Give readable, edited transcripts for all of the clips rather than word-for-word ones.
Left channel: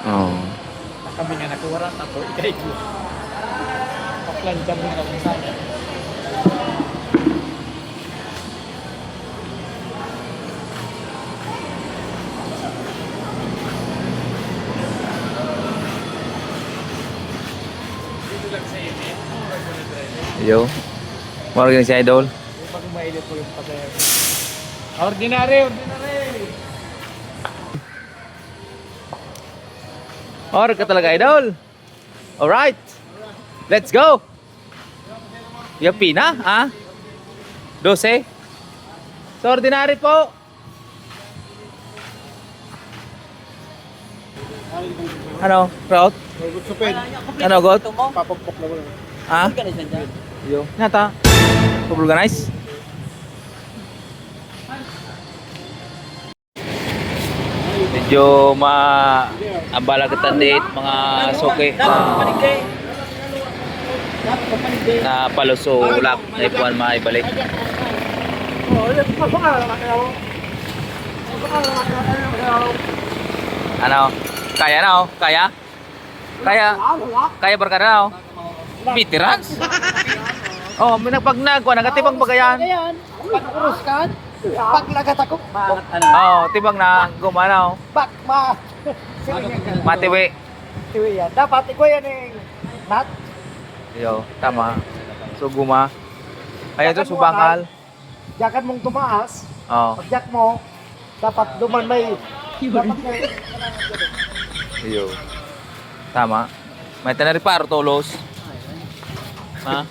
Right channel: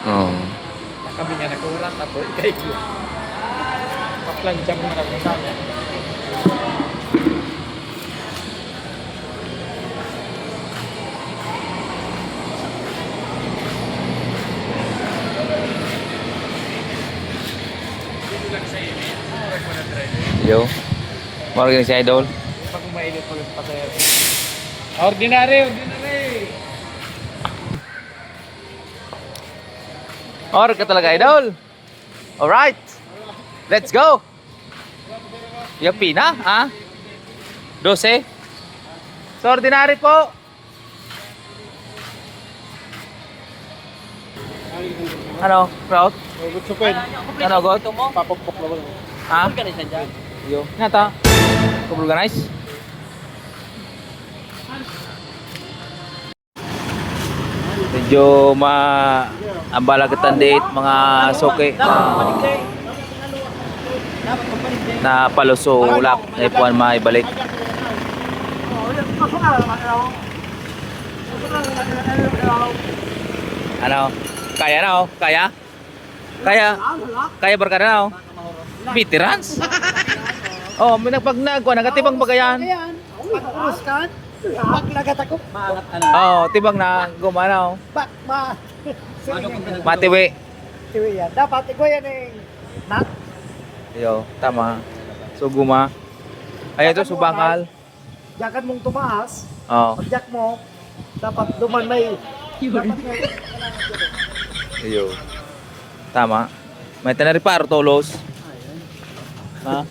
Oo. Kami nga nakuha tapo ikay ko. Paklan jam mo kami sana. Yo. Morgan si Idol. Pag umailip ko lang pasaya. Ordinary, ordinary. Or ka talaga Idol. Alright. Let's go. Yung pina, ha? 12. So ordinary po. Ano, crowd? Ano, God? Papapok na wala. Ha? Yo. Nata. Organize. Medyo ambalagan date mga soke na palusulak na ipuan maibalik. Ano? Kaya na oh? Kaya? Kaya barkada na oh? Veterans? Oh, pag nagkuha, nagatibang bagayan. Urus kan. Bak lagat ako. Oh, tibang na gumana oh. Bak ma. Matiwi. Iya, dapat ko yan eh. Nat. Yo, tama. So guma. Ayan to, subakal. Jakan mong tumaas. Oh. Pag mo, dapat duman may. Iyo. Tama. May tanariparo tolos. Ha?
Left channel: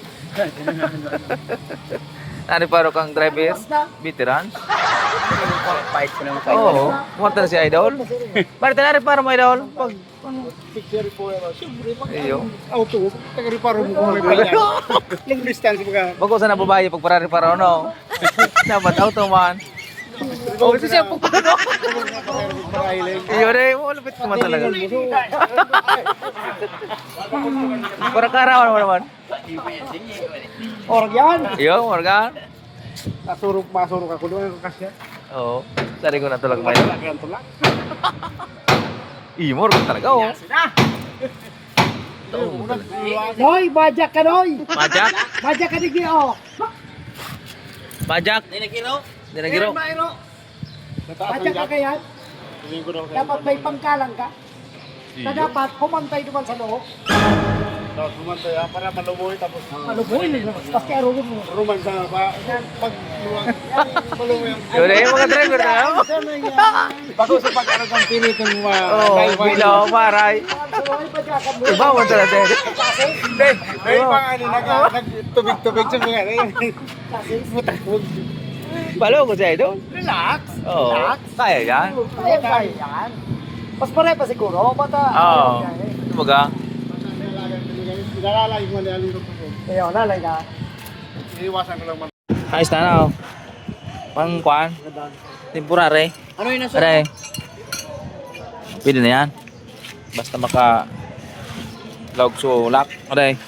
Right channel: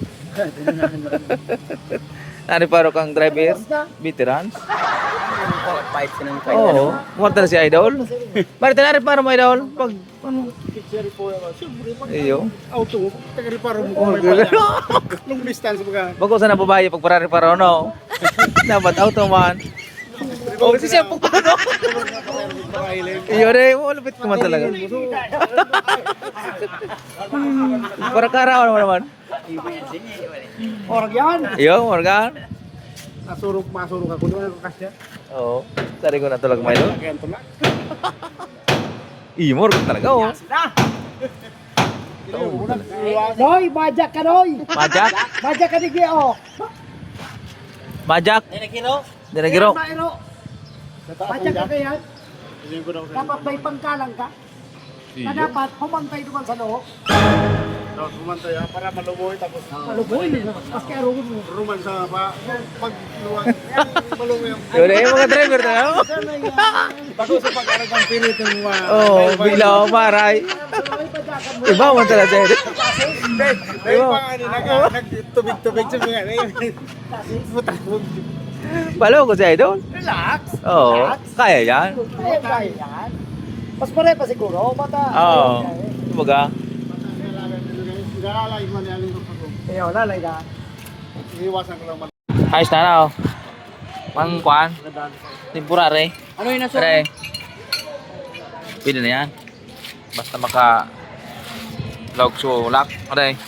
Tanariparo kang driver. Veterans. Fight ko ng Oo. Kumarta na si Idol. Bakit tanariparo mo Idol? Pag Picture po yan. Siyempre, iyo. auto. Taga-reparo mo kung may pala. Long distance mo ka. Bago sa nababaye pag parariparo no. Dapat auto man. Oh, si siya po. Iyo rin, malupit naman talaga. Para karawan mo naman. Orang yan. Iyo, Morgan. Masurok ako doon ang kasya. Oo. Sari ko na talaga may doon. Yan tulak. Iyo, Morgan talaga oh. Noy, bajak ka Noy. Majak? Bajak ka di Gio. Majak? Dinagiro. Bajak ka kaya. Dapat may pangkalang ka. Na dapat humantay doon sa loob. Dapat humantay para maluboy tapos Maluboy. Paski arugon mo. ruman sa pag luwag. Maluboy ang Yun eh, mga driver na. bago sa pag-arag ang pilit ng mga Oo, bilaw, maray. Iba mo talaga. dahil pa ano nagtubig-tubig sa mga Palo ko si Idol. Relax. Oo, kaya yan. Ayan ba yan? Mas pare pa siguro. Bata. Oo. Kumbaga, Nalalay mo na alindok ako. Ayaw, lalay ka. Iiwasan ko lang man. ayos na na oh. Pang kwan, temporary. Ano yung nasa? Pre. Pwede na yan. Basta maka log sulak. Okay.